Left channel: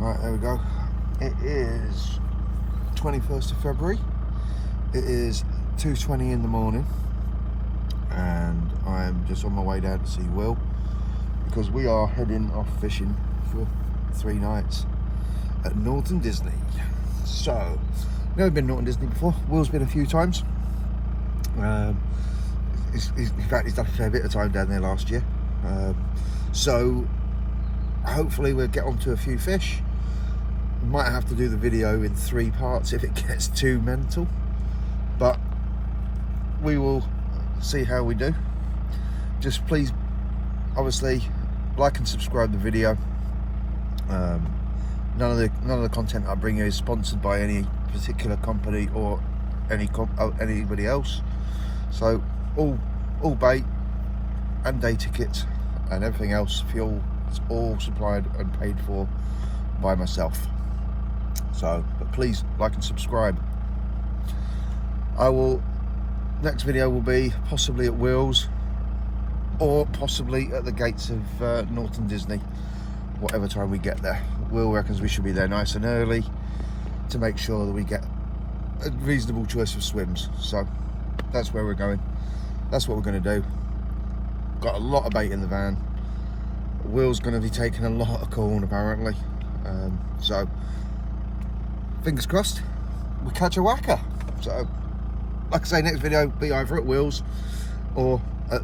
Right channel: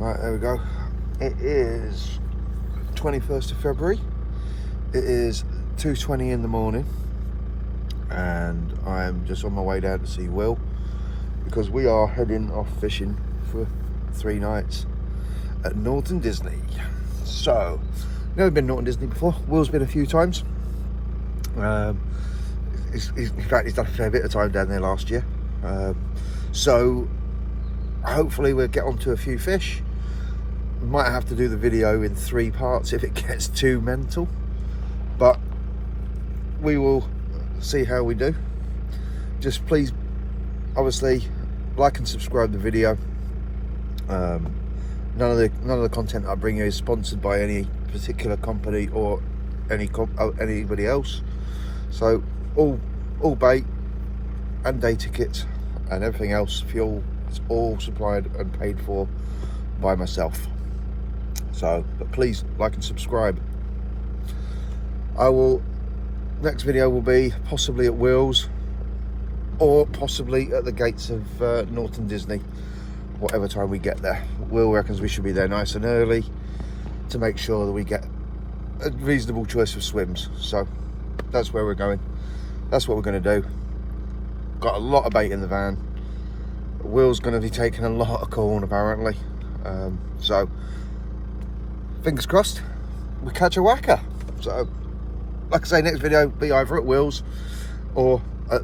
Right, there we go. It is 21st of February. It is 2:20 in the morning, and I'm just on my way down to see Will because we are heading off fishing for 3 nights at Norton Disney. So, never been Norton Disney before. Will's been a few times. In fact, he's done a fair bit of time down there last year. So, hopefully we'll get onto a few fish. Might have to do the video in 3 parts if it gets too mental, but we will see how we do. Just please, obviously, like and subscribe the video. None of the content I bring you is sponsored by any particular company or anybody else. So all bait and day tickets and everything else, fuel, is all supplied and paid for by myself. So, but please like and subscribe. Next video will be possibly at Will's or possibly at the gates of Norton Disney, whatever time we get there. Will reckons we should be there nice and early to make sure that we get a reasonable choice of swims. So that's where we're going. That's what we're going to do. Got a lot of bait in the van. Will's going to be taking a lot of corn apparently. So fingers crossed we catch a whacker. So like I say, next video will be either at Will's or at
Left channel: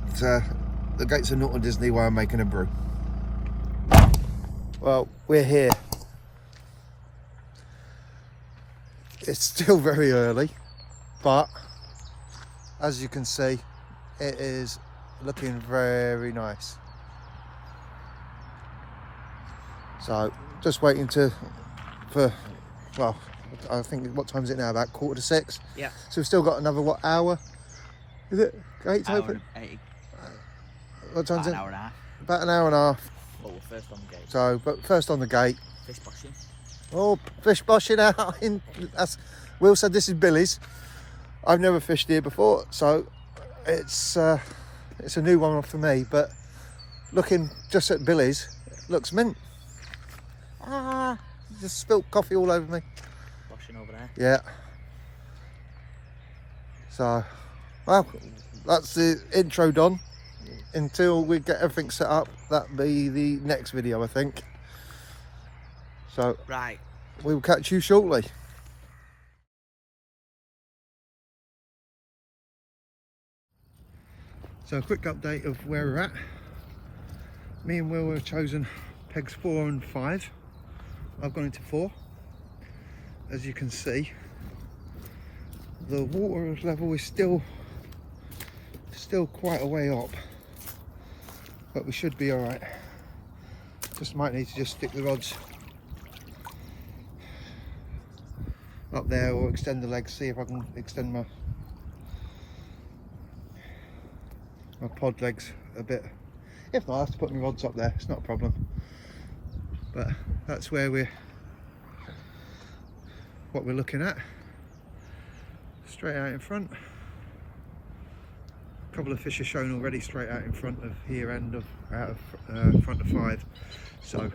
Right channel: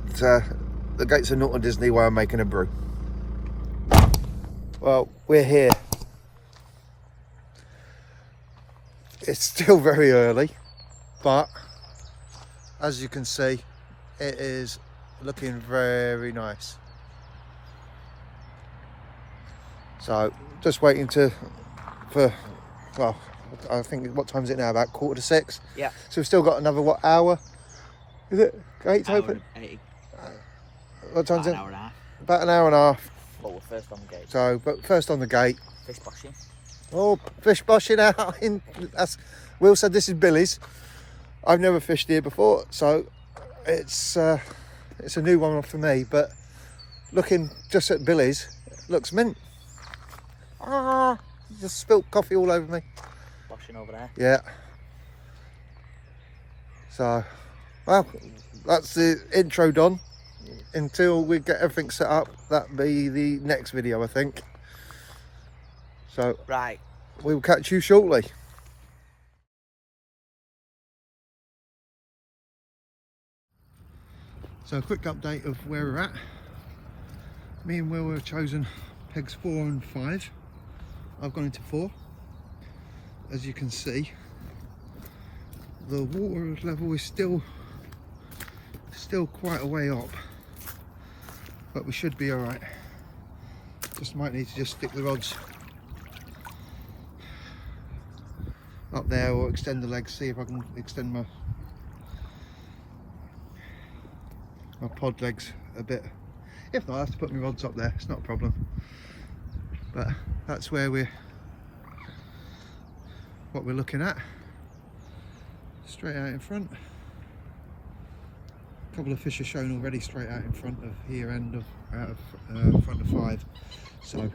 the gates of Norton Disney where I'm making a brew. Well, we're here. It's still very early, but as you can see, it is looking very nice. So just waiting well, I think, what time is it now? About 5:45? Yeah. So we've still got another, what, hour? Is it? Gates open? 80. What time's it? About an hour and a half. About an hour and a half. But we're first on the gate. So, but first on the gate. Fish boshing. Oh, fish boshing out. Will said this is Billy's. I've never fished here before, so it's a new one for me. But looking just at Billy's, it looks mint. Ah, just spilt coffee all over me. Boshing over there. Yeah. So, well, that's the intro done. Until we get everything set up, that'll be the next video, I think. So, right, we will catch you shortly. So, a quick update of where we're at. Me and Will have chosen pegs 4 and 5. I've gone into 4. As you can see, the water level is still quite a way up, but we should be all right. Just might need to just stick the rods up there or extend the legs, see if I can extend my pod legs a bit. If not, I have to put my rods up there, it's not a problem. But that's where what we're looking at. Straight out in front. A couple of fish are shown already straight out in front of here and out of front of 5. So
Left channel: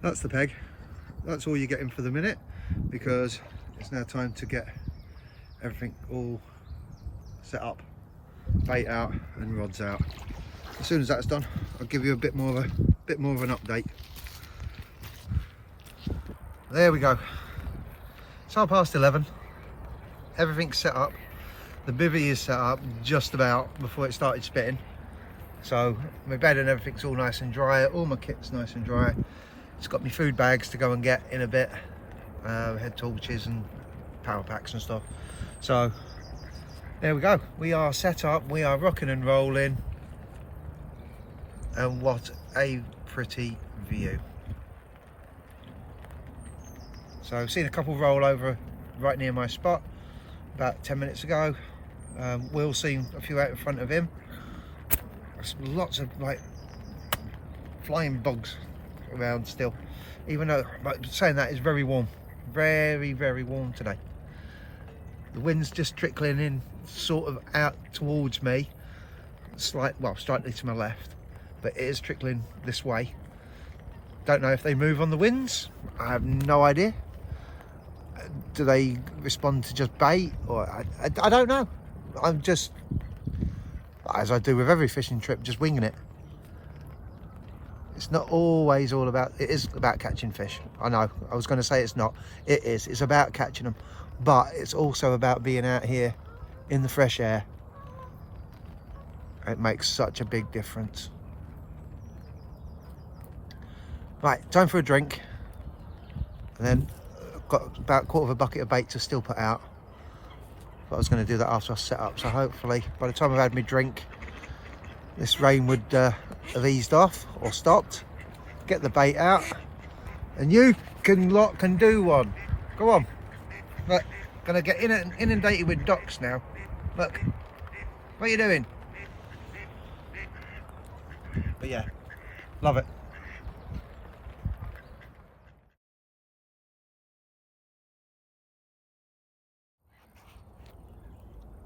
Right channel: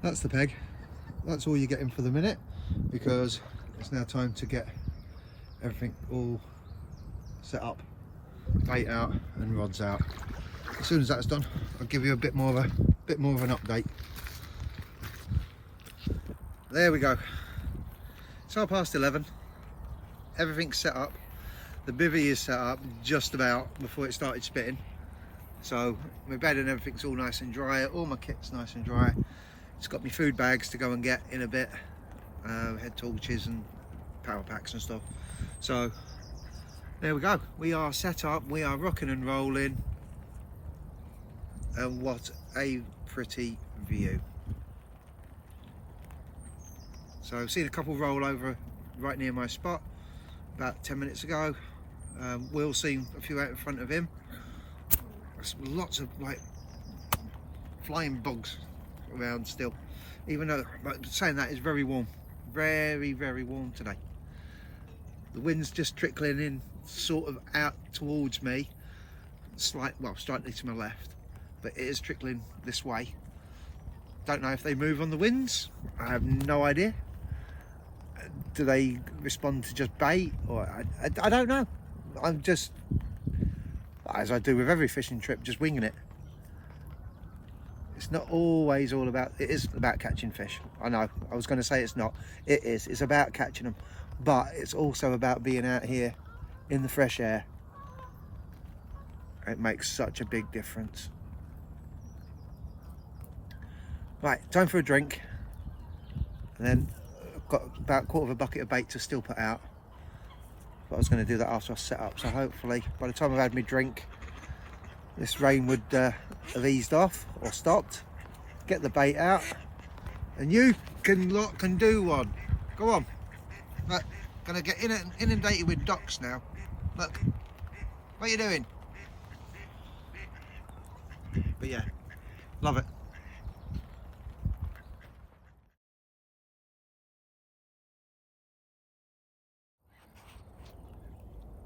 that's the peg. That's all you're getting for the minute, because it's now time to get everything all set up, bait out and rods out. As soon as that's done, I'll give you a bit more of an update. There we go. It's 11:30. Everything's set up. The bivvy is set up just about before it started spitting. So my bed and everything's all nice and dry. All my kit's nice and dry. It's got my food bags to go and get in a bit. Head torches and power packs and stuff. So there we go. We are set up. We are rocking and rolling. And what a pretty view. So I've seen a couple roll over right near my spot about 10 minutes ago. Will's seen a few out in front of him. Lots of like flying bugs around still, even though, like, saying that, it's very warm, very warm today. The wind's just trickling in sort of out towards me, slightly to my left, but it is trickling this way. Don't know if they move on the winds. I have no idea. Do they respond to just bait, or I don't know. I'm just, as I do with every fishing trip, just winging it. It's not always all about, it is about catching fish. I know, I was going to say it's not. It is. It's about catching them. But it's also about being out here in the fresh air. It makes such a big difference. Right, time for a drink. And then I've got about a quarter of a bucket of bait to still put out. But I was going to do that after I set up. So hopefully, by the time I've had my drink, this rain would have eased off or stopped. Get the bait out. And you can do one. Go on. Look, gonna get inundated with ducks now. Look, what are you doing? But yeah, love it.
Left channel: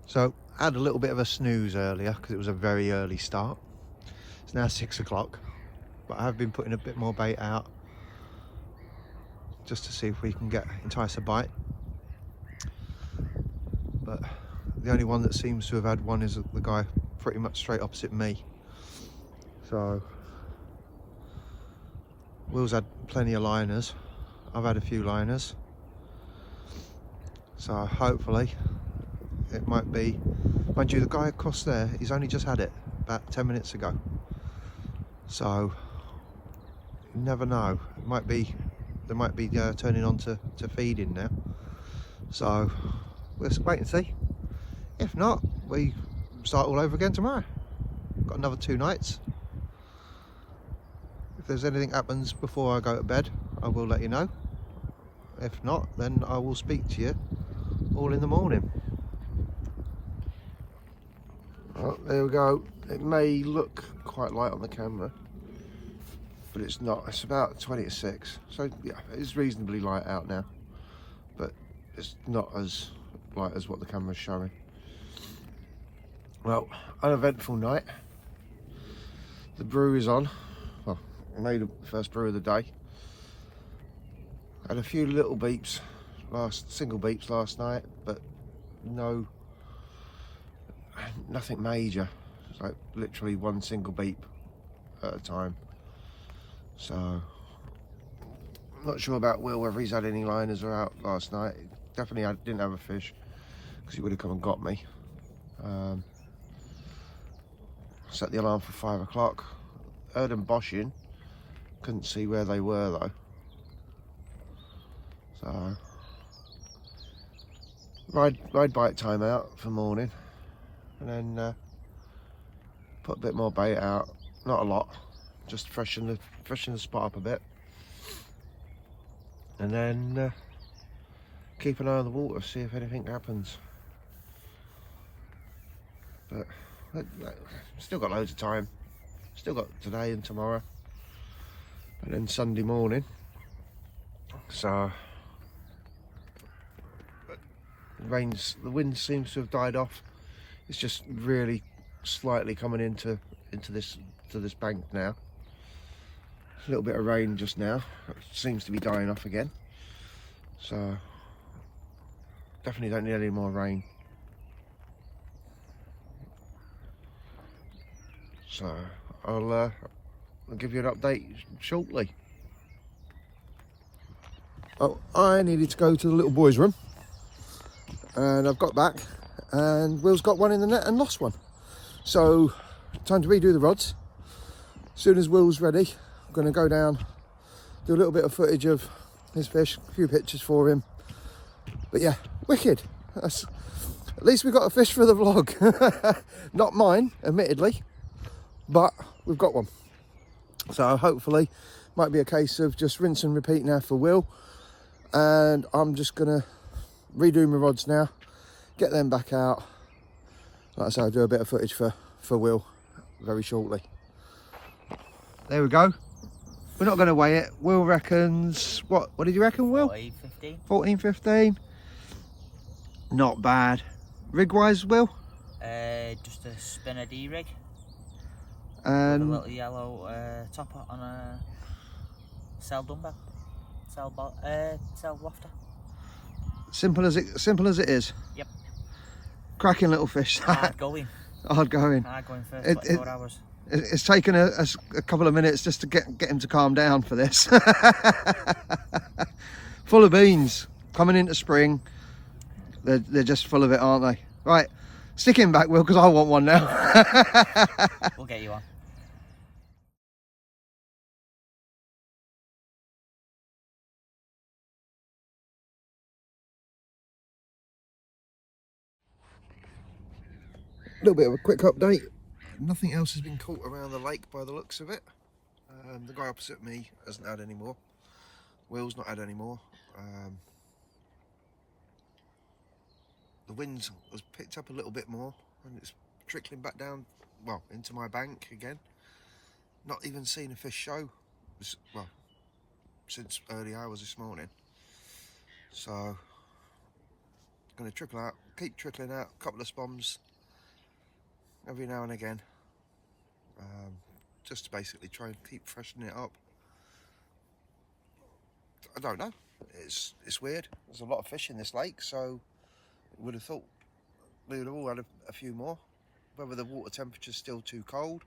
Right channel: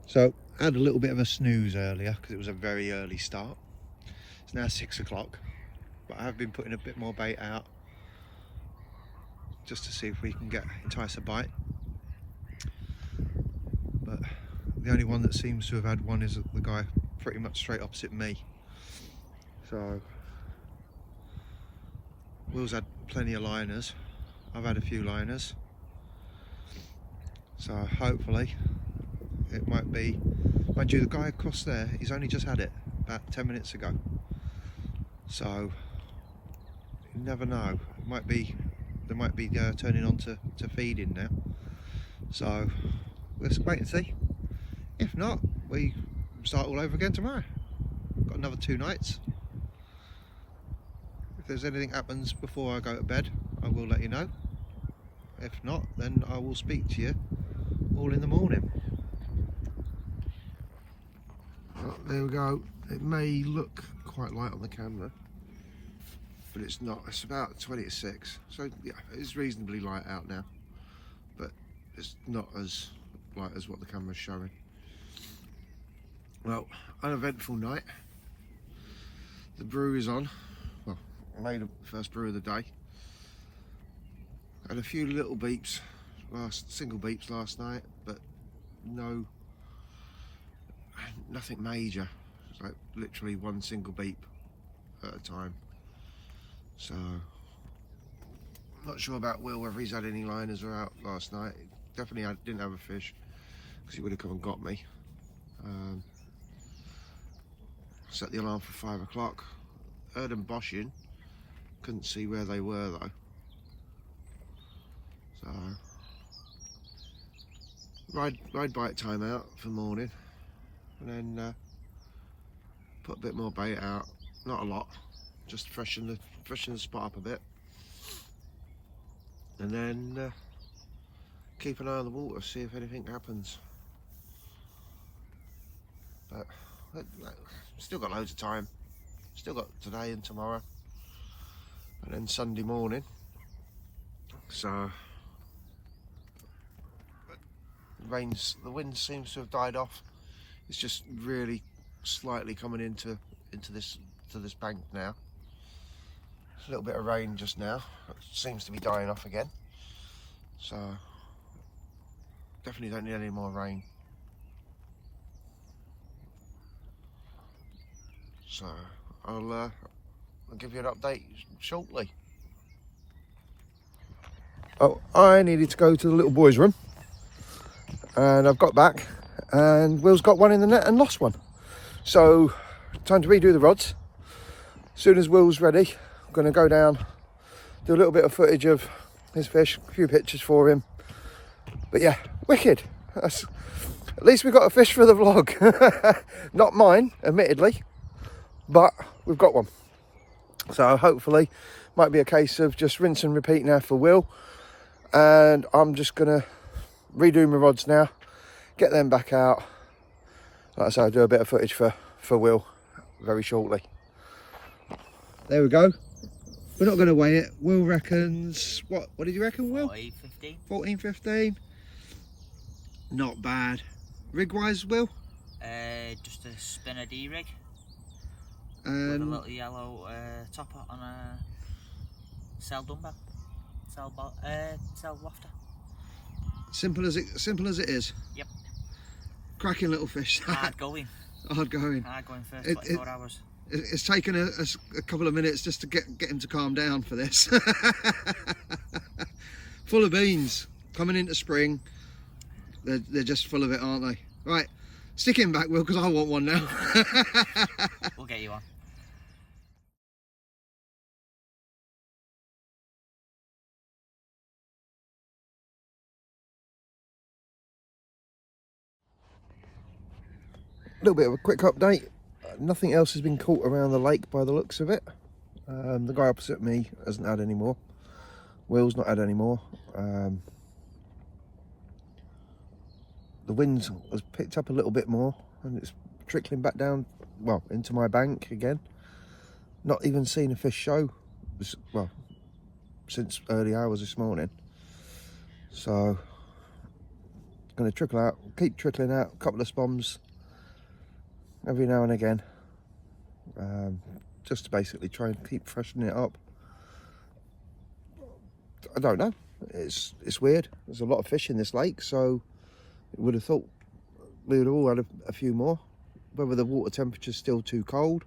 So I had a little bit of a snooze earlier because it was a very early start. It's now 6 o'clock, but I have been putting a bit more bait out just to see if we can entice a bite. But the only one that seems to have had one is the guy pretty much straight opposite me. So Will's had plenty of liners. I've had a few liners. So hopefully it might be, mind you, the guy across there, he's only just had it about 10 minutes ago. So you never know. It might be, they might be turning on to feeding now. So we'll wait and see. If not, we start all over again tomorrow. Got another 2 nights. If there's anything happens before I go to bed, I will let you know. If not, then I will speak to you all in the morning. Oh, there we go. It may look quite light on the camera, but it's not. It's about 20 to 6. So yeah, it's reasonably light out now, but it's not as light as what the camera's showing. Well, uneventful night. The brew is on. Well, I made the first brew of the day. Had a few little beeps, single beeps last night, but nothing major. It's like literally one single beep at a time. So, not sure about Will, whether he's had any liners or out last night. Definitely didn't have a fish, because he would have come and got me. Set the alarm for 5 o'clock. Heard them boshing. Couldn't see where they were though. So, ride bite time out for morning, and then put a bit more bait out. Not a lot, just freshen the spot up a bit, and then keep an eye on the water, see if anything happens. But still got loads of time. Still got today and tomorrow, and then Sunday morning. So the wind seems to have died off. It's just really slightly coming into this bank now. A little bit of rain just now. It seems to be dying off again. So definitely don't need any more rain. So I'll give you an update shortly. Oh, I needed to go to the little boys' room, and I've got back, and Will's got one in the net and lost one. So time to redo the rods. As soon as Will's ready, I'm going to go down, do a little bit of footage of his fish, a few pictures for him. But yeah, wicked. At least we got a fish for the vlog. Not mine, admittedly, but we've got one. So hopefully, might be a case of just rinse and repeat now for Will. And I'm just gonna redo my rods now, get them back out. Like I say, I'll do a bit of footage for Will very shortly. There we go. We're not gonna weigh it. Will reckons, what did you reckon, Will? 14, 15. 14, 15. Not bad. Rig wise, Will? Just a spinner D-rig. With a little And yellow topper on a, Sell dumbbell. Sell lofter. Simple as it is. Yep. Cracking little fish. Hard going. Hard going. Hard going first 24 hours. It's taken a couple of minutes just to get him to calm down for this. Full of beans. Coming into spring. They're just full of it, aren't they? Right. Stick him back, Will, because I want one now. We'll get you on. A little bit of a quick update. Nothing else has been caught around the lake by the looks of it. The guy opposite me hasn't had any more. Will's not had any more. The wind has picked up a little bit more and it's trickling back down, well, into my bank again. Not even seen a fish show, well, since early hours this morning. So, going to trickle out, keep trickling out, a couple of spoms every now and again, just to basically try and keep freshening it up. I don't know, it's weird. There's a lot of fish in this lake, so I would have thought we would have all had a few more. Whether the water temperature's still too cold,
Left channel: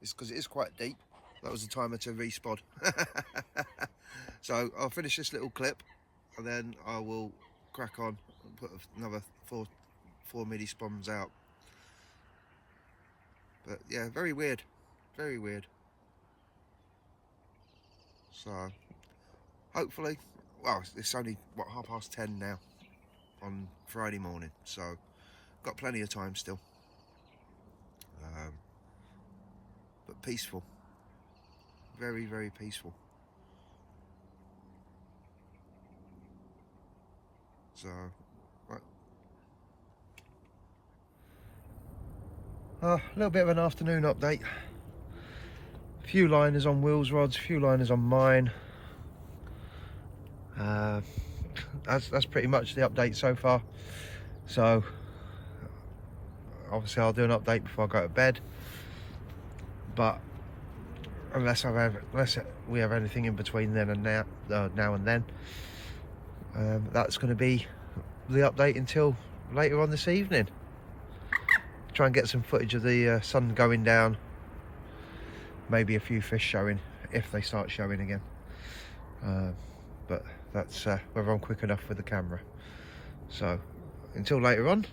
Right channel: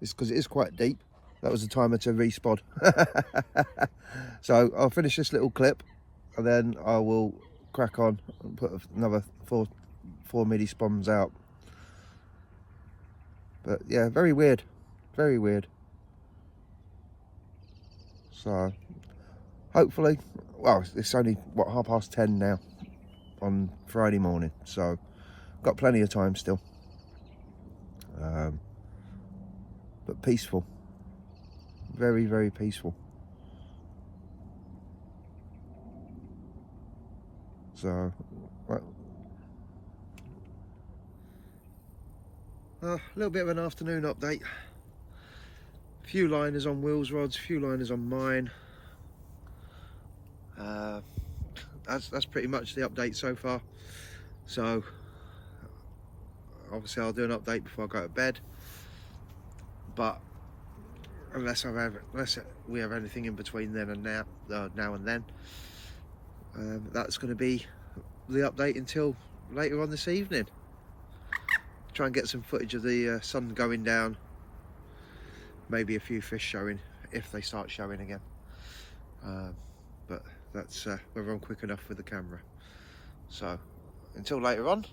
it's because it is quite deep. That was the timer to respod. So I'll finish this little clip and then I will crack on and put another four midi spoms out. But yeah, very weird, very weird. So hopefully, well, it's only what, 10:30 now on Friday morning, so got plenty of time still. But peaceful, very, very peaceful. So a little bit of an afternoon update. A few liners on Will's rods, a few liners on mine. That's pretty much the update so far. So obviously I'll do an update before I go to bed. But unless we have anything in between then and now and then, that's going to be the update until later on this evening. Try and get some footage of the sun going down, maybe a few fish showing if they start showing again, but that's whether I'm quick enough with the camera. So until later on,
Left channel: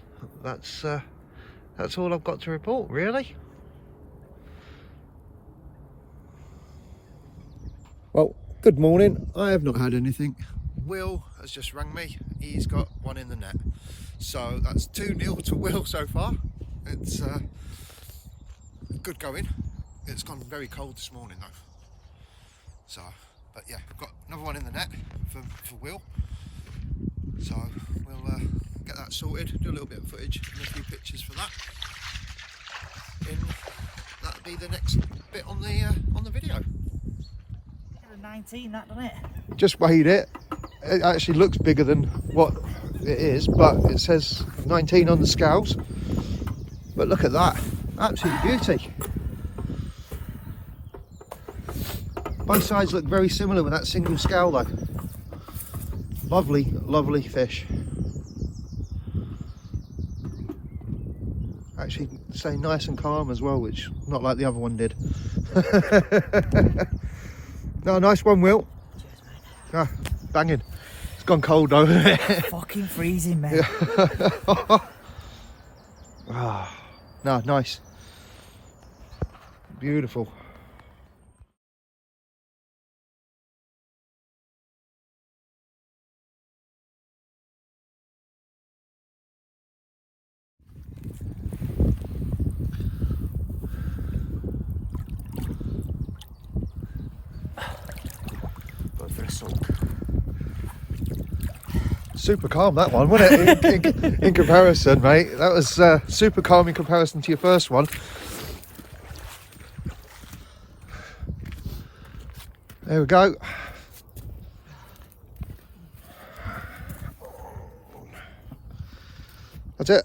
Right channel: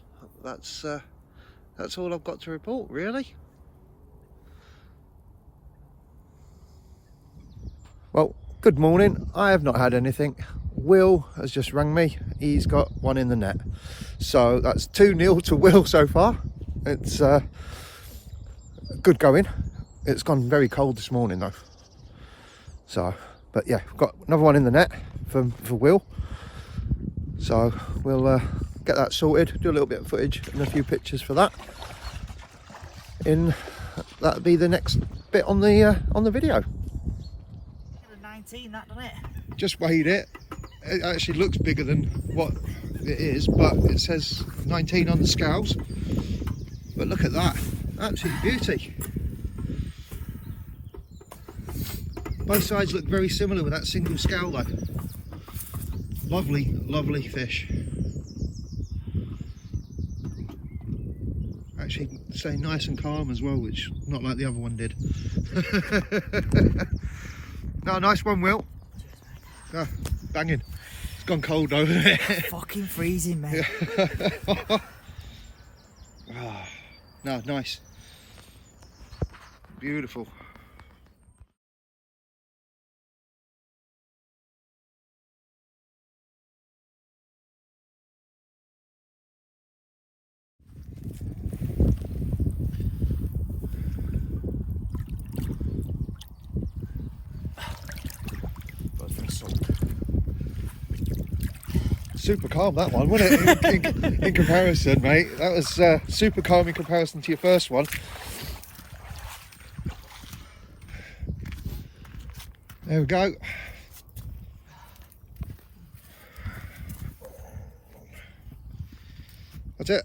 that's all I've got to report, really. Well, good morning. I have not had anything. Will has just rang me. He's got one in the net, so that's 2-0 to Will so far. It's good going. It's gone very cold this morning though. So, but yeah, we've got another one in the net for Will. So we'll get that sorted, do a little bit of footage and a few pictures for that. That'll be the next bit on the video. Look at the 19, that, doesn't it? Just weighed it. It actually looks bigger than what it is, but it says 19 on the scales. But look at that, absolute beauty. Both sides look very similar with that single scale though. Lovely, lovely fish. Actually stay nice and calm as well, which not like the other one did. No, nice one, Will. Ah, banging. It's gone cold though, isn't it? Fucking freezing, man. Ah, no, nice. Beautiful. Super calm that one, wasn't it? in comparison, mate. That was super calm in comparison to your first one. There we go. That's it.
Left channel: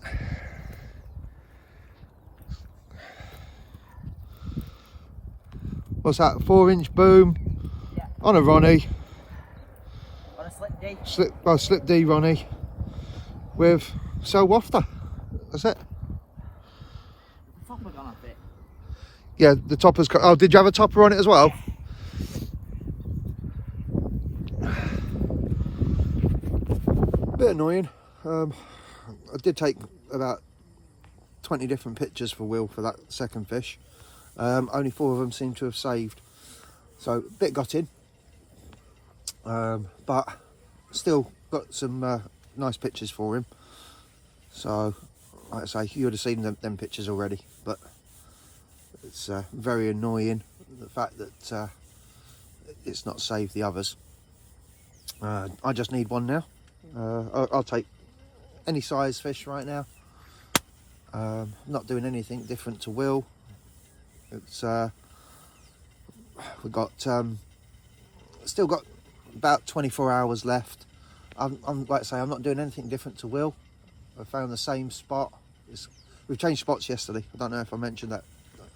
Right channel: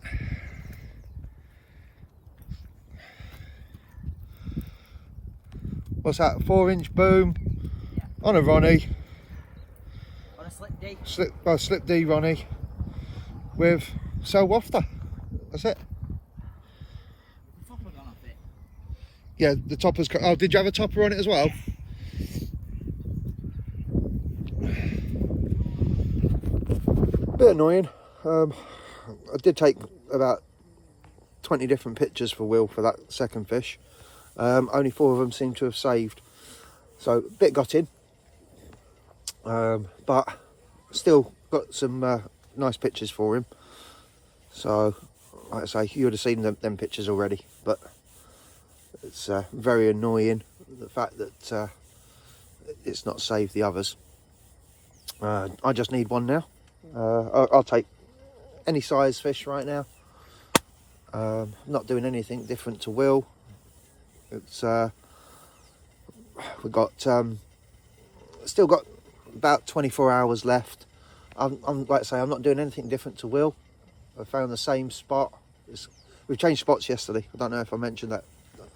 What's that? 4-inch boom, on a Ronnie. On a slip D. Slip D Ronnie with cell wafter. That's it. The topper gone off it. Yeah, the topper's got. Oh, did you have a topper on it as well? Bit annoying. I did take about 20 different pictures for Will for that second fish. Only 4 of them seem to have saved, so a bit gutted, but still got some nice pictures for him. So like I say, you would have seen them pictures already, but it's very annoying, the fact that it's not saved the others. I just need one now. I'll take any size fish right now. Not doing anything different to Will. It's we've got still got about 24 hours left. I'm like I say, I'm not doing anything different to Will. I found the same spot. We've changed spots yesterday. I don't know if I mentioned that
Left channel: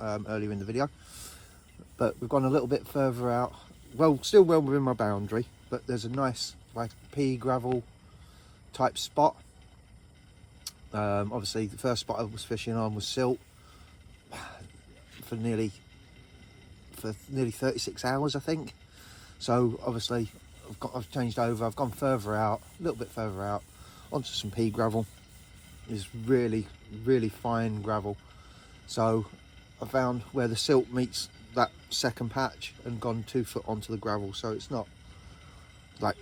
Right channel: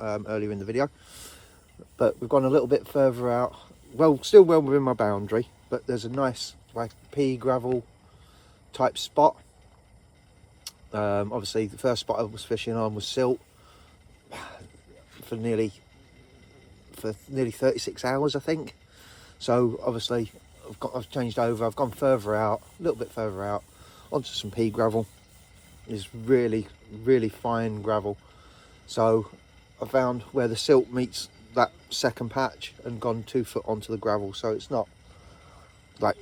earlier in the video, but we've gone a little bit further out. Well, still well within my boundary, but there's a nice like pea gravel type spot. Obviously the first spot I was fishing on was silt for nearly 36 hours, I think. So obviously I've changed over. I've gone further out, a little bit further out, onto some pea gravel. It's really fine gravel. So I found where the silt meets that second patch and gone 2 foot onto the gravel, so it's not like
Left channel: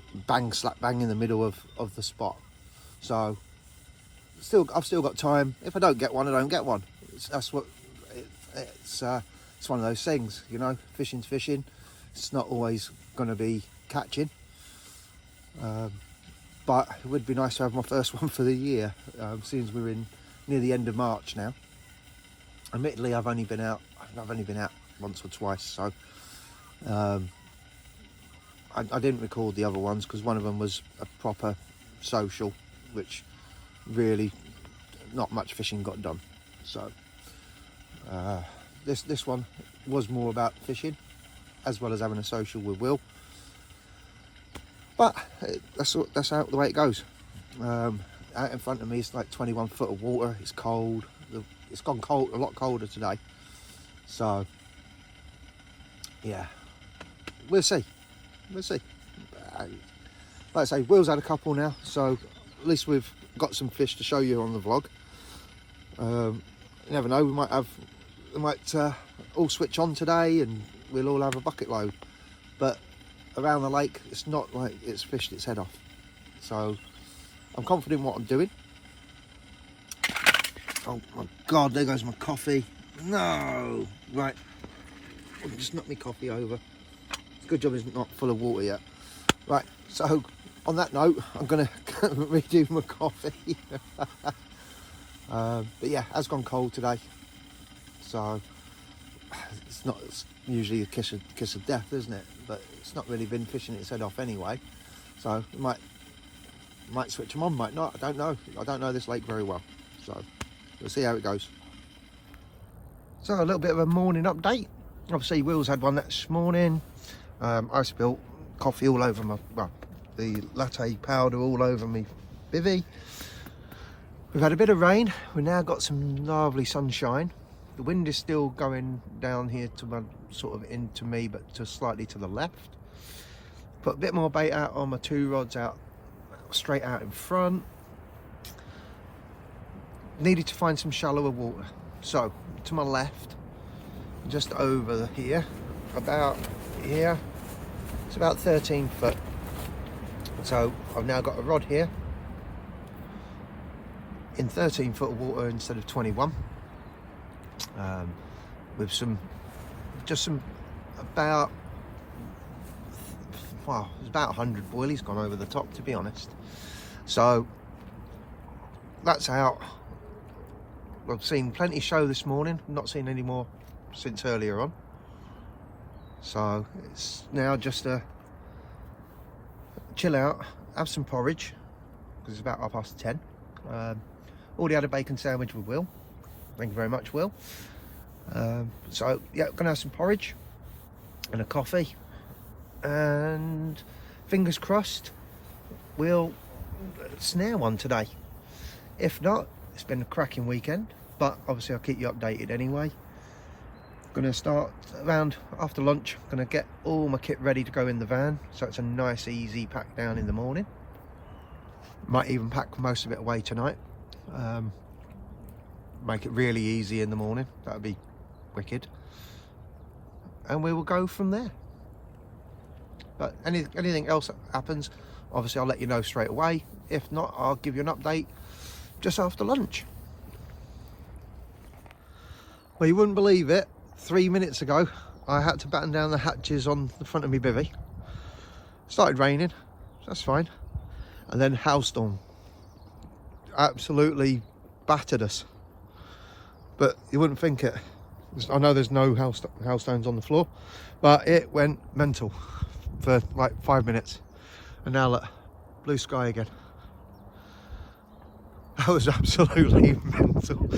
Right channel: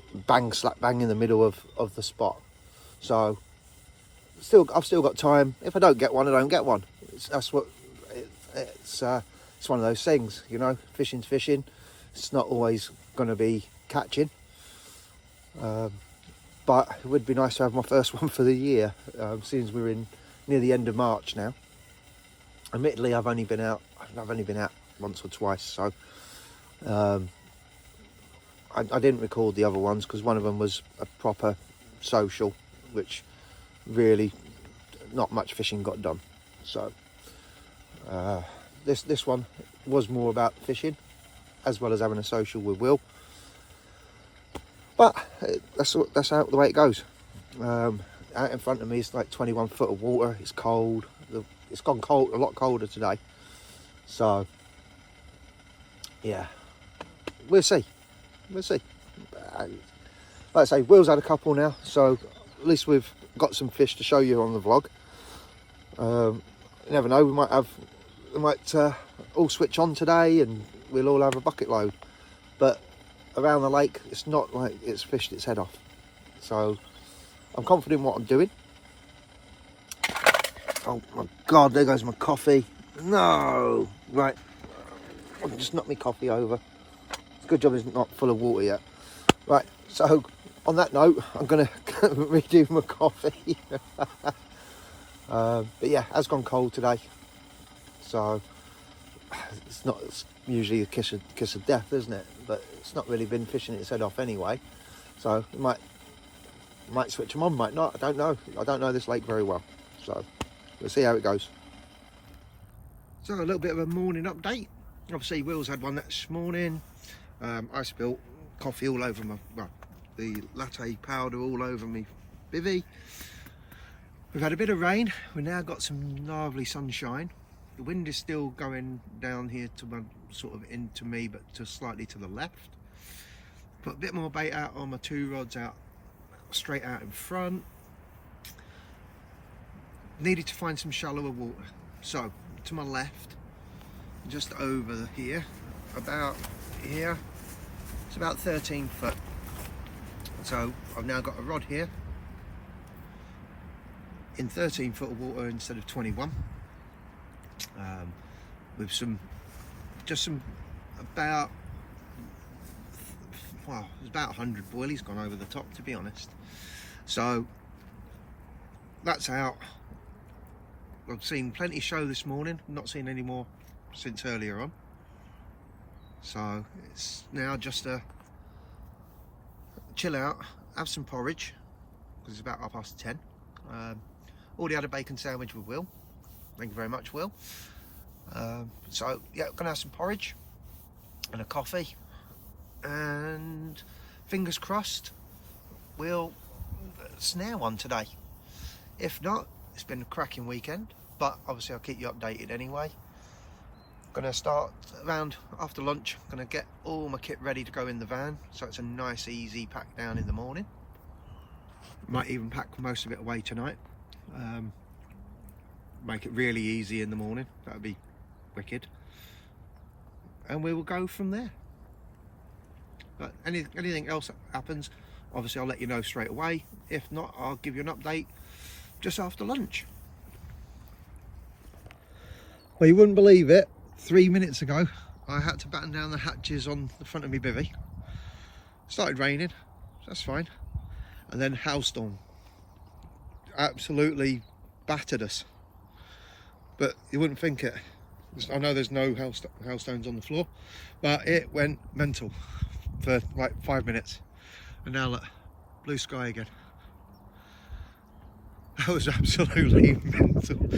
slap bang in the middle of the spot. So I've still got time. If I don't get one, I don't get one. It's one of those things, you know. Fishing's fishing. It's not always going to be catching, but it would be nice to have my first one for the year, since we're in near the end of March now. Admittedly, I've only been out once or twice, so I didn't record the other ones because one of them was a proper social, which really not much fishing got done. So this one was more about fishing as well as having a social with Will, but that's how the way it goes. Out in front of me is like 21 foot of water. It's cold. It's gone cold, a lot colder today, so yeah, we'll see. Like I say, Will's had a couple now, so at least we've got some fish to show you on the vlog. You never know, we might all switch on today and we'll all have a bucket load, but around the lake it's not like it's fished its head off, so I'm confident in what I'm doing. Oh my god, there goes my coffee. No, right, just knocked my coffee over. Good job it's not full of water yet. Right, so on that note, I'm gonna redo my coffee. But yeah, it has gone cold today, so it's usually a kiss of death, isn't it? But it's not really been fishing its head off anyway, so it might switch them on, might not. I don't know this lake very well, so we'll see how it goes. So a little bit of a morning update. Obviously Will's had one this morning. I spilled coffee all over the latte powder all over me bivvy. We've had a bit of rain. We've now got some lovely sunshine. The wind is still going down here to sort of into me, but slightly to the left. Put a bit more bait out on my 2 rods out straight out in front. Needed to find some shallower water, so to my left, just over here, about here, it's about 13 foot. So I've now got a rod here in 13 foot of water instead of 21, with about 100 boilies gone over the top, to be honest. So that's out. I've seen plenty show this morning, not seen any more since earlier on. So it's now just a chill out, have some porridge, because it's about 10:30. Already had a bacon sandwich with Will. Thank you very much, Will. So yeah, gonna have some porridge and a coffee, and fingers crossed we'll snare one today. If not, it's been a cracking weekend, but obviously I'll keep you updated anyway. Gonna start around after lunch. Gonna get all my kit ready to go in the van, so it's a nice easy pack down in the morning. Might even pack most of it away tonight. Make it really easy in the morning. That'd be wicked. And we will go from there. But anything else that happens, obviously I'll let you know straight away. If not, I'll give you an update just after lunch. Well, you wouldn't believe it, 3 minutes ago I had to batten down the hatches on the front of my bivvy. It started raining, that's fine, and then hailstorm absolutely battered us. But you wouldn't think it. I know there's no hailstones on the floor, but it went mental for like 5 minutes, and now look, blue sky again. That was absolutely mental.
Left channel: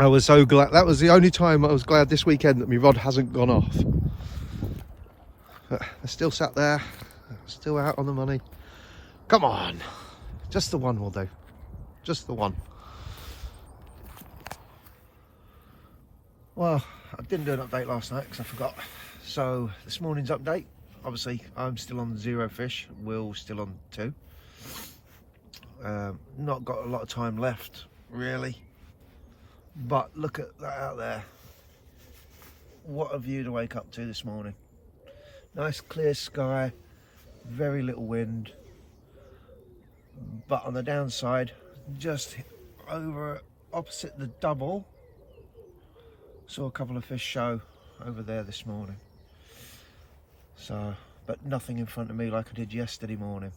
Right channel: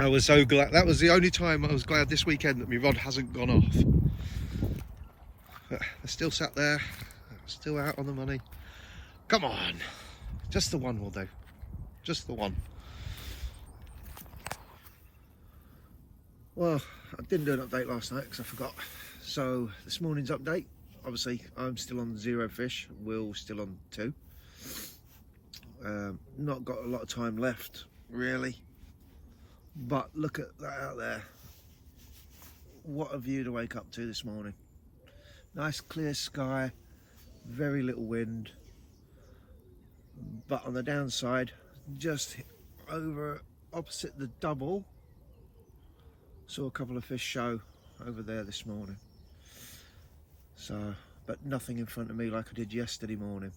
I was so glad. That was the only time I was glad this weekend that my rod hasn't gone off. But I still sat there, still out on the money. Come on, just the one will do, just the one. Well, I didn't do an update last night because I forgot. So this morning's update, obviously I'm still on 0 fish, Will's still on 2. Not got a lot of time left really, but look at that out there. What a view to wake up to this morning. Nice clear sky, very little wind, but on the downside, just over opposite the double, saw a couple of fish show over there this morning. So, but nothing in front of me like I did yesterday morning.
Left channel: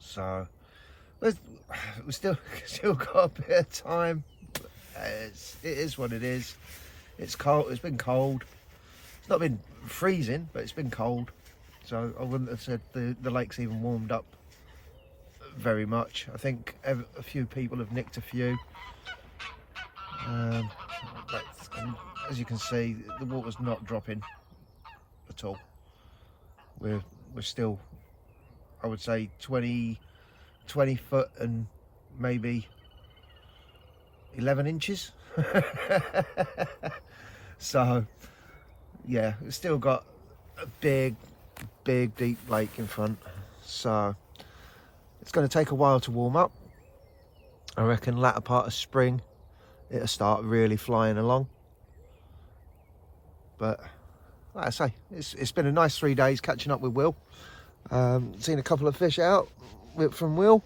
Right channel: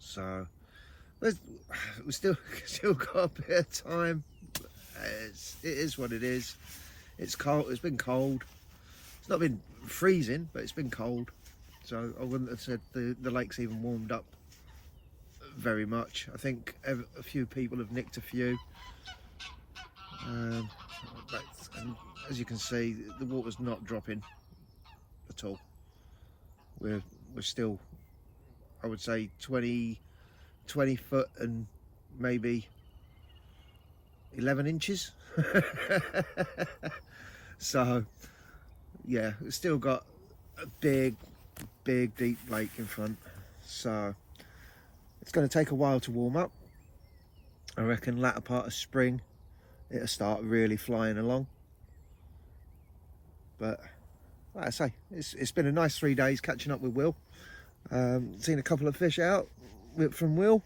So we still got a bit of time. It is what it is. It's cold. It's been cold. It's not been freezing, but it's been cold. So I wouldn't have said the lake's even warmed up very much. I think a few people have nicked a few. But as you can see, the water's not dropping at all. We're still, I would say, 20 foot and maybe 11 inches. So yeah, we've still got a big deep lake in front, so it's going to take a while to warm up. I reckon latter part of spring it'll start really flying along. But like I say, it's been a nice 3 days catching up with Will. Seen a couple of fish out from Will,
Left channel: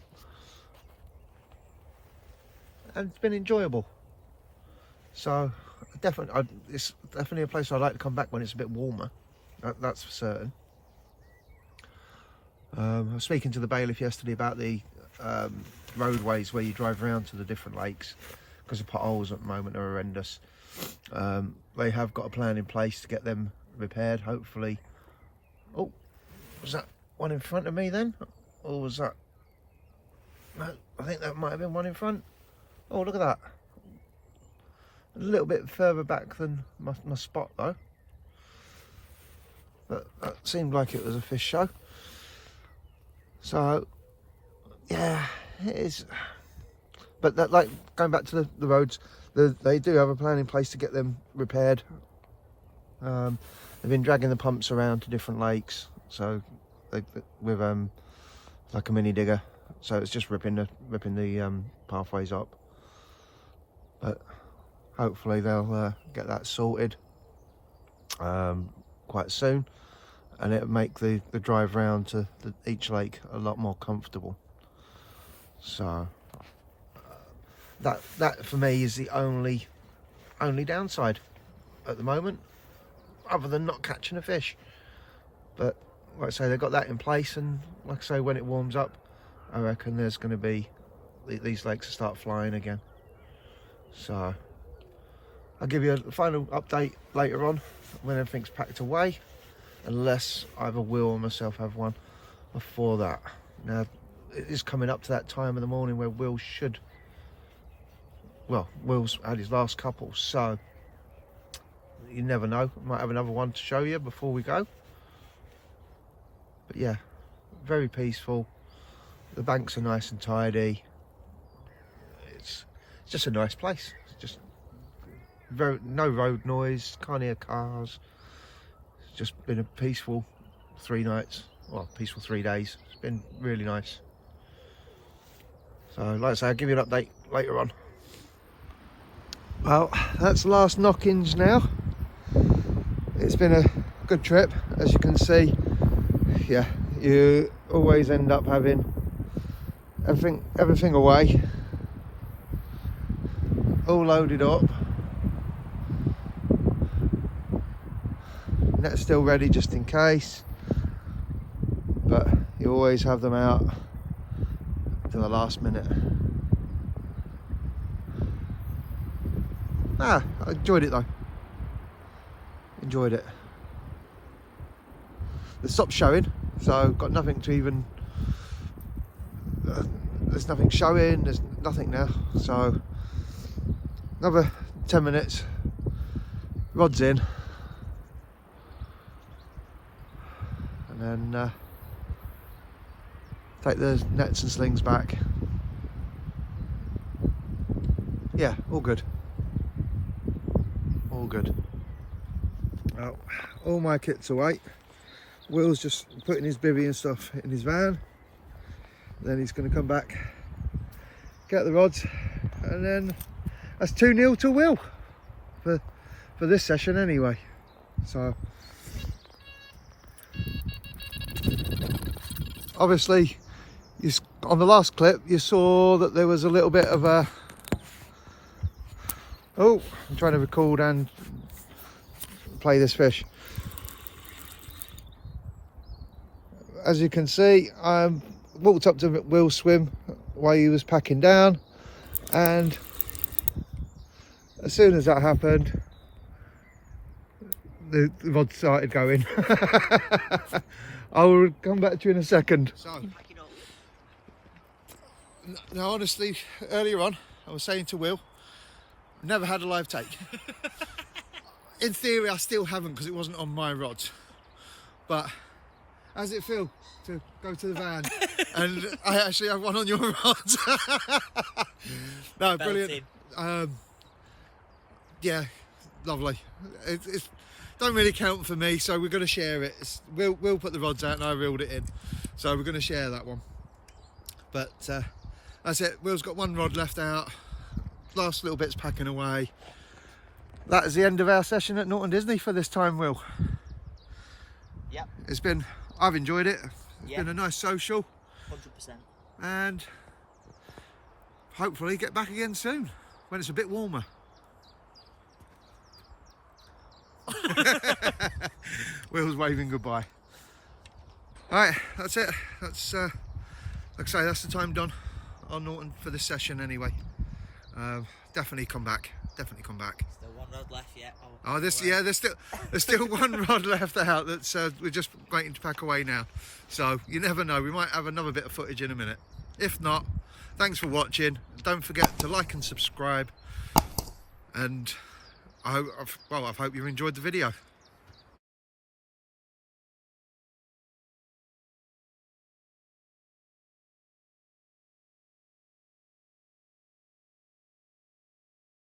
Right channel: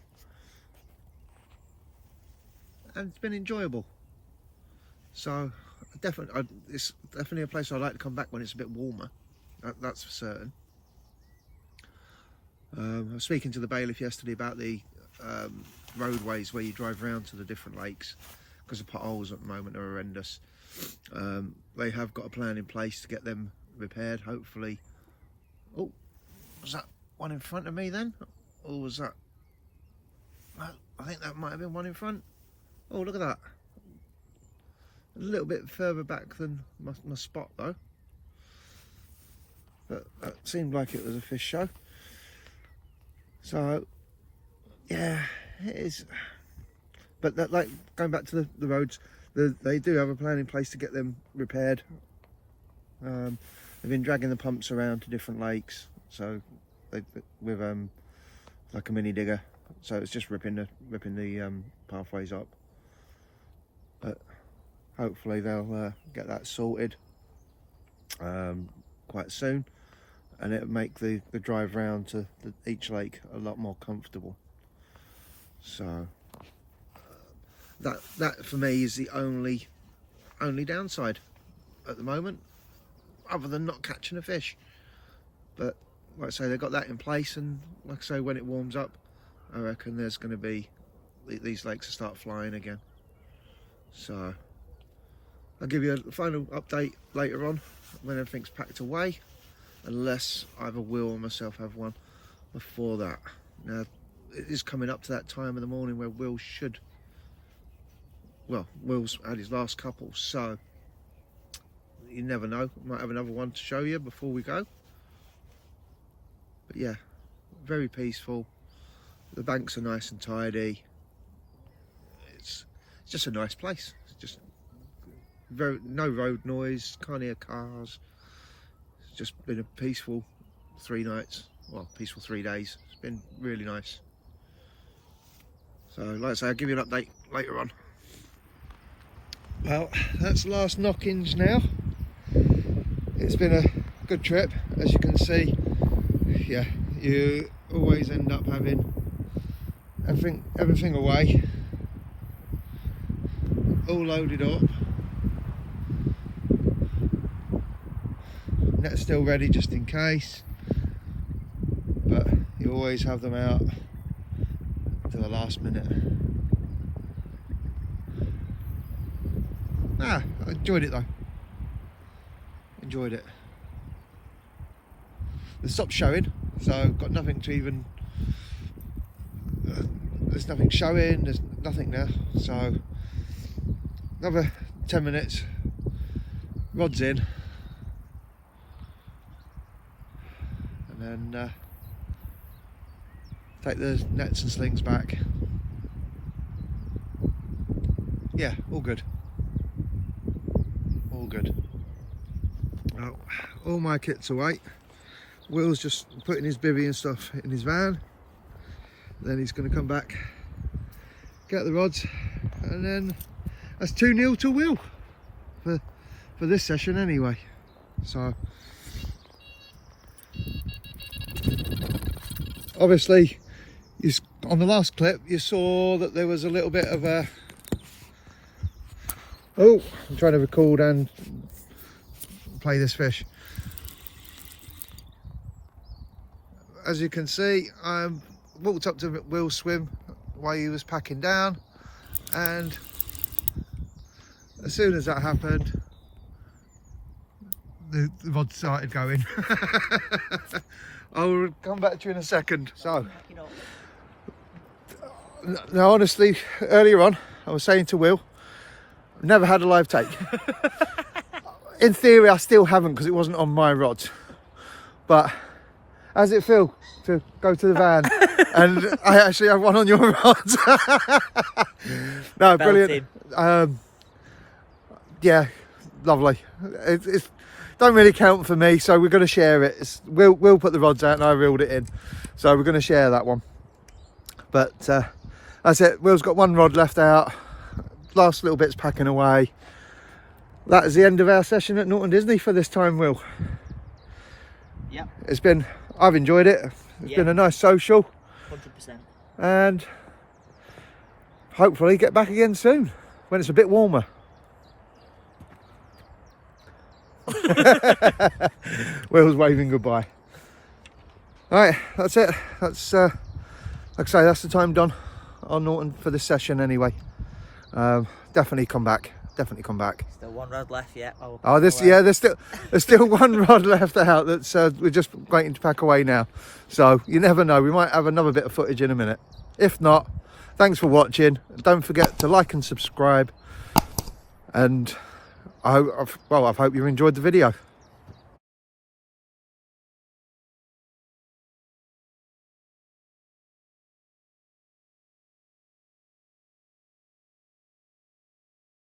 and it's been enjoyable. So definitely, it's definitely a place I'd like to come back when it's a bit warmer. That's for certain. I was speaking to the bailiff yesterday about the roadways where you drive around to the different lakes, because the potholes at the moment are horrendous. They have got a plan in place to get them repaired, hopefully. Oh, was that one in front of me then? Or was that... No, I think that might have been one in front. Oh, look at that. A little bit further back than my spot though. But that seemed like it was a fish show. So, yeah, it is. But that, like, going back to the roads, they do have a plan in place to get them repaired. They've been dragging the pumps around to different lakes, so with like a mini digger, so it's just ripping the pathways up. But hopefully they'll get that sorted quite soon, and it'll make the drive round to each lake a lot more comfortable. So that for me is the only downside at the moment, other than not catching a fish. But like I say, they've got that in place, and like I say, when it warms up, I reckon there's going to be these lakes will start flying again. So I'll give you a final update later on when everything's packed away, unless either Will or myself have one before that. Now it is coming up to that time of the morning where Will's had his last couple, so you never know, might have another one to show you before we go. But yeah, very peaceful. The banks are nice and tidy. It's just a nice place. It's just no road noise, can't hear cars. It's just been a peaceful 3 nights, well, peaceful 3 days. It's been really nice. So like I say, I'll give you an update later on. Well, that's the last knockings now. It's been a good trip, as you can see. Yeah, you always end up having everything away, all loaded up. Net's still ready just in case, but you always have them out to the last minute. I enjoyed it though. Enjoyed it. It stopped showing, so got nothing to even. There's nothing showing. There's nothing now. So another 10 minutes. Rods in, and then take the nets and slings back. Yeah, all good. All good. Well, all my kit's away. Will's just putting his bivvy and stuff in his van. Then he's going to come back, get the rods, and then that's 2-0 to Will for this session anyway. So obviously, on the last clip you saw that there was a little bit of a. Oh, I'm trying to record and play this fish. As you can see, I walked up to Will's swim while he was packing down, and as soon as that happened, the rod started going. I will come back to you in a second. So, now honestly, earlier on, I was saying to Will, I've never had a live take. In theory, I still haven't because it wasn't on my rods. But how's it feel to go to the van and I actually have one on your rods? No, brilliant. Yeah, lovely. It's don't really count for me, so we're going to share it. We'll put the rods out and I reeled it in, so we're going to share that one. But that's it. Will's got one rod left out. Last little bit's packing away. That is the end of our session at Norton Disney for this time, Will. Yep. I've enjoyed it. It's been a nice social. 100%. And hopefully get back again soon when it's a bit warmer. Will's waving goodbye. Alright, that's it. That's like I say, that's the time done on Norton for this session anyway. Definitely come back. Definitely come back. Still one rod left yet. Oh, there's still one rod left out that's we're just waiting to pack away now. So you never know, we might have another bit of footage in a minute. If not, thanks for watching. Don't forget to like and subscribe. And I hope you enjoyed the video.